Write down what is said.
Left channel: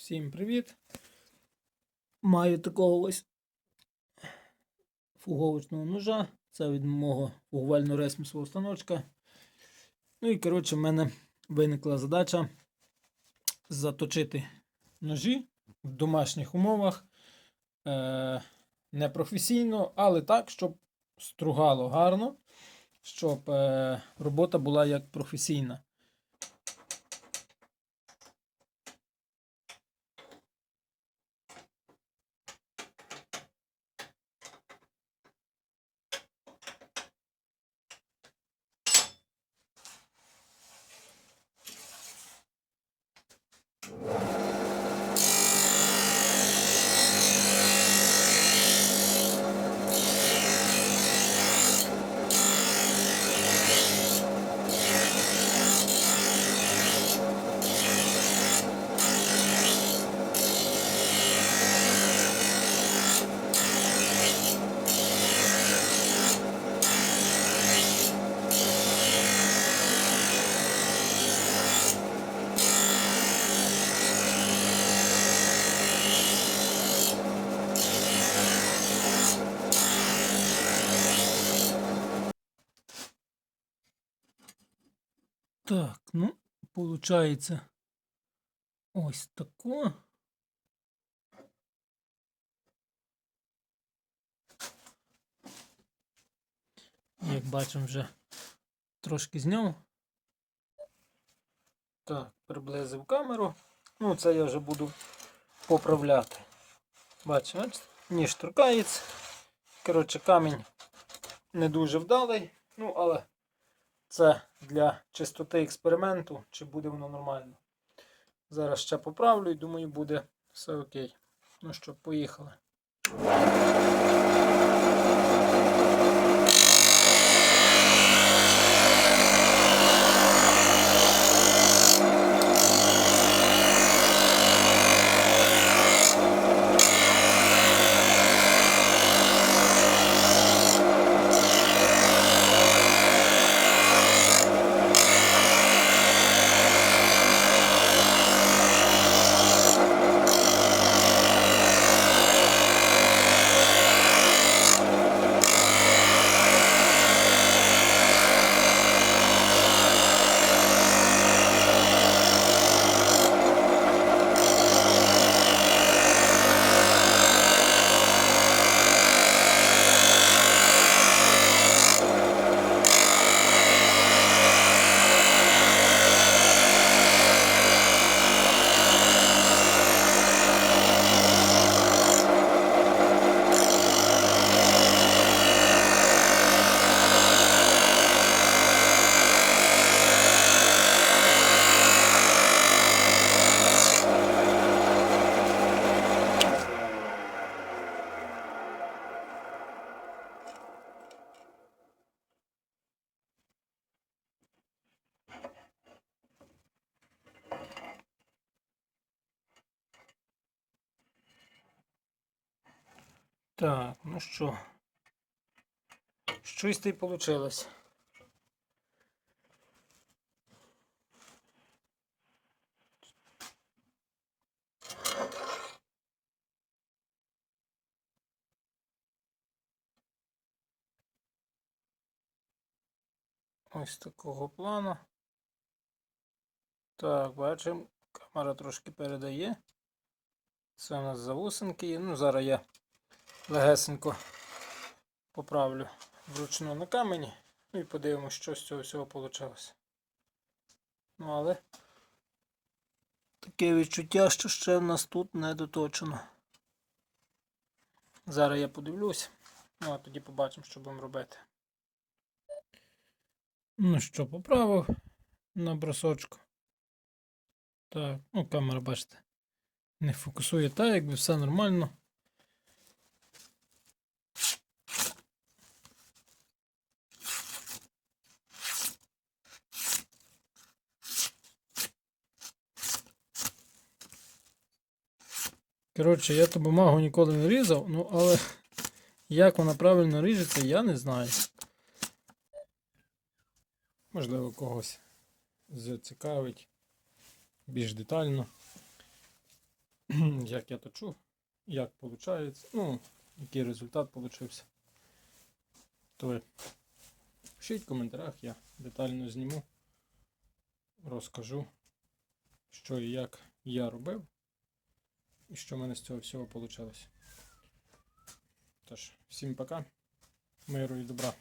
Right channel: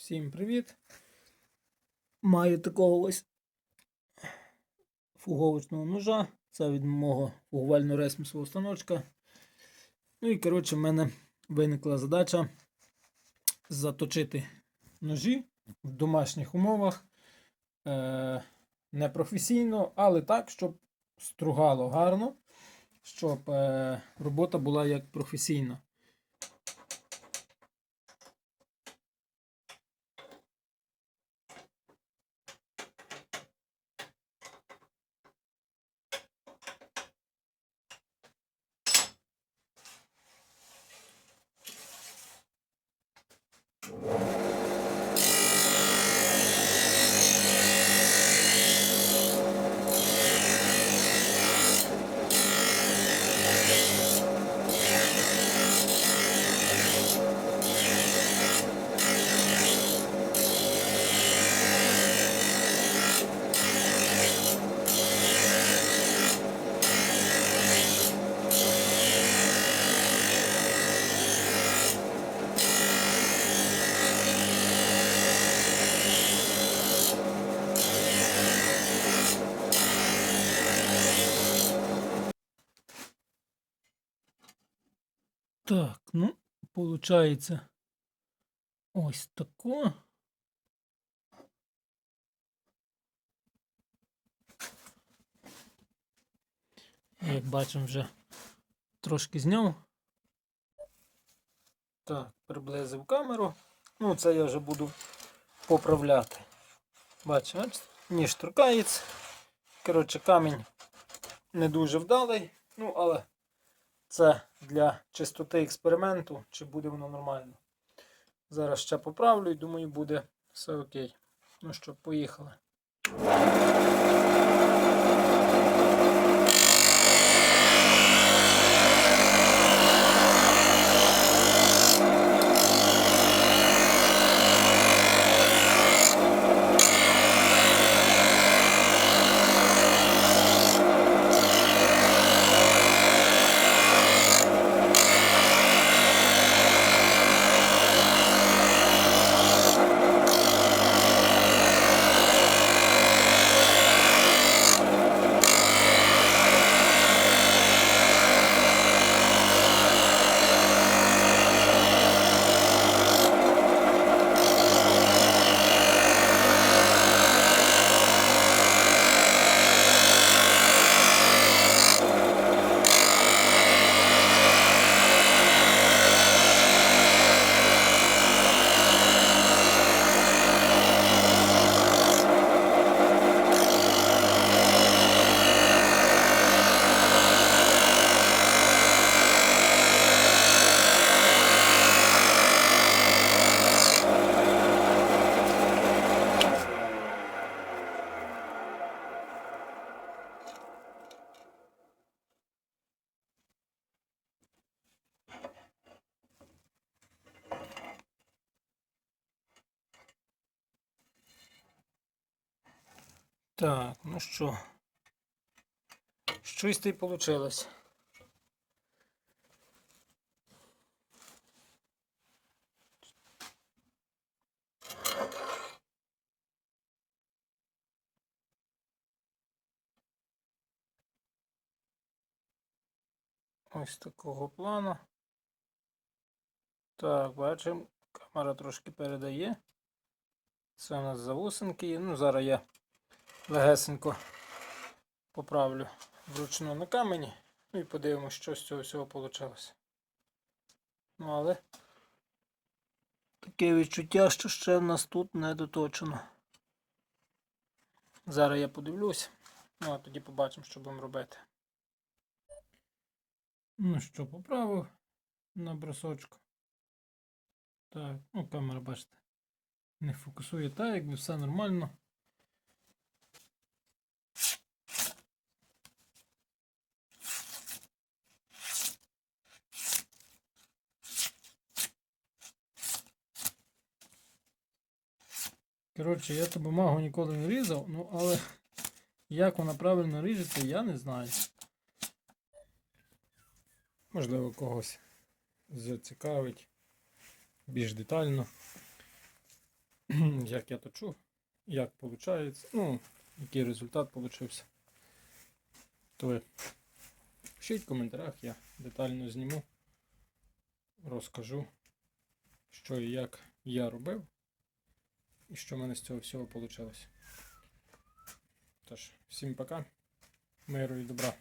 Всім привіт! Маю такого ось фуговочного ножа. Це від мого фугувально ресмісового станочка. Ну і коротше, в мене виникла задача заточити ножі в домашніх умовах. Е- не професійно, але так, щоб стругало гарно, щоб е- робота була як професійна. Так, ну, получається ось тако. Як бачимо, вже трошки зняв. Так, приблизив камеру. Ну, це я вже буду поправляти. Бачите, ось ніж торкається. Коротше, камінь не дуже вдалий, ну, але це для чистоти експерименту, чи буде воно нормально. Зараз ще поправлю і думаю, буде все окей. Ну що, поїхали. Так, ну що. Щось й вийшло. Ось такого плану. Так, бачимо, камера трошки передає. Це у нас завусенки. Ну, зараз я легесенько поправлю вручну на камені. Ну і подивимося, що з цього всього вийшло. Ну, але таке відчуття, що ще в нас тут не доточено. Зараз я подивлюсь, ну а тоді побачимо, що будемо робити. Ну що, поправив на бросочку. Так, ну камера, бачите, не фокусує так, якби все нормально. Коротше, я ту бумагу ніколи не різав, ну але як вона правильно ріжеться, я не знаю. Можливо, когось зацікавить більш детально. як я точу, як виходить, ну, який результат получився. То пишіть в коментарях, я детально зніму, розкажу, що і як я робив, і що в мене з цього всього вийшло. Тож, всім пока, миру і добра.